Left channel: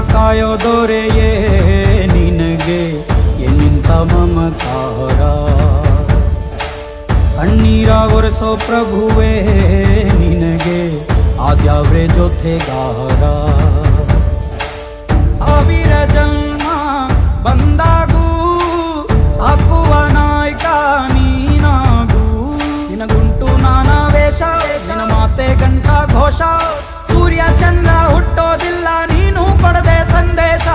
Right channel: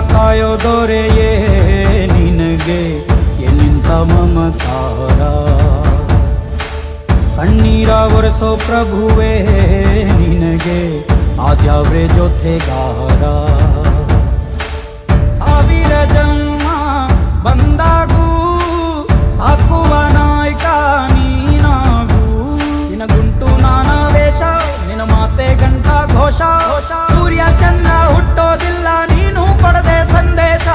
ಕಾಯೋ ದೊರೆಯೇ ನಿನಗೆ ಎನ್ನಿಂತ ಮಮಕಾರ. ಕಣ್ಣೀರ ಒರೆಸೋ ಪ್ರಭುವೇ ನಿನಗೆ ಆದ್ಯಾವ್ರೆ ಜೊತೆಗಾರ. ಸಾವಿರ ಜನ್ಮ ಬಂದಾಗೂ ಸಾಕುವ ನಾಯಕ ನೀನಾಗೂ. ನಿನ ಗುಂಟು ನಾನಾ ವೇಷ, ನಿನ ಮಾತೆ ಗಂಟ ಘೋಷ. ಸೂರ್ಯ ಚಂದ್ರ ಹುಟ್ಟೋದಿಲ್ಲ ನೀನು ಕೊಡದೆ ಸಂದೇಶ.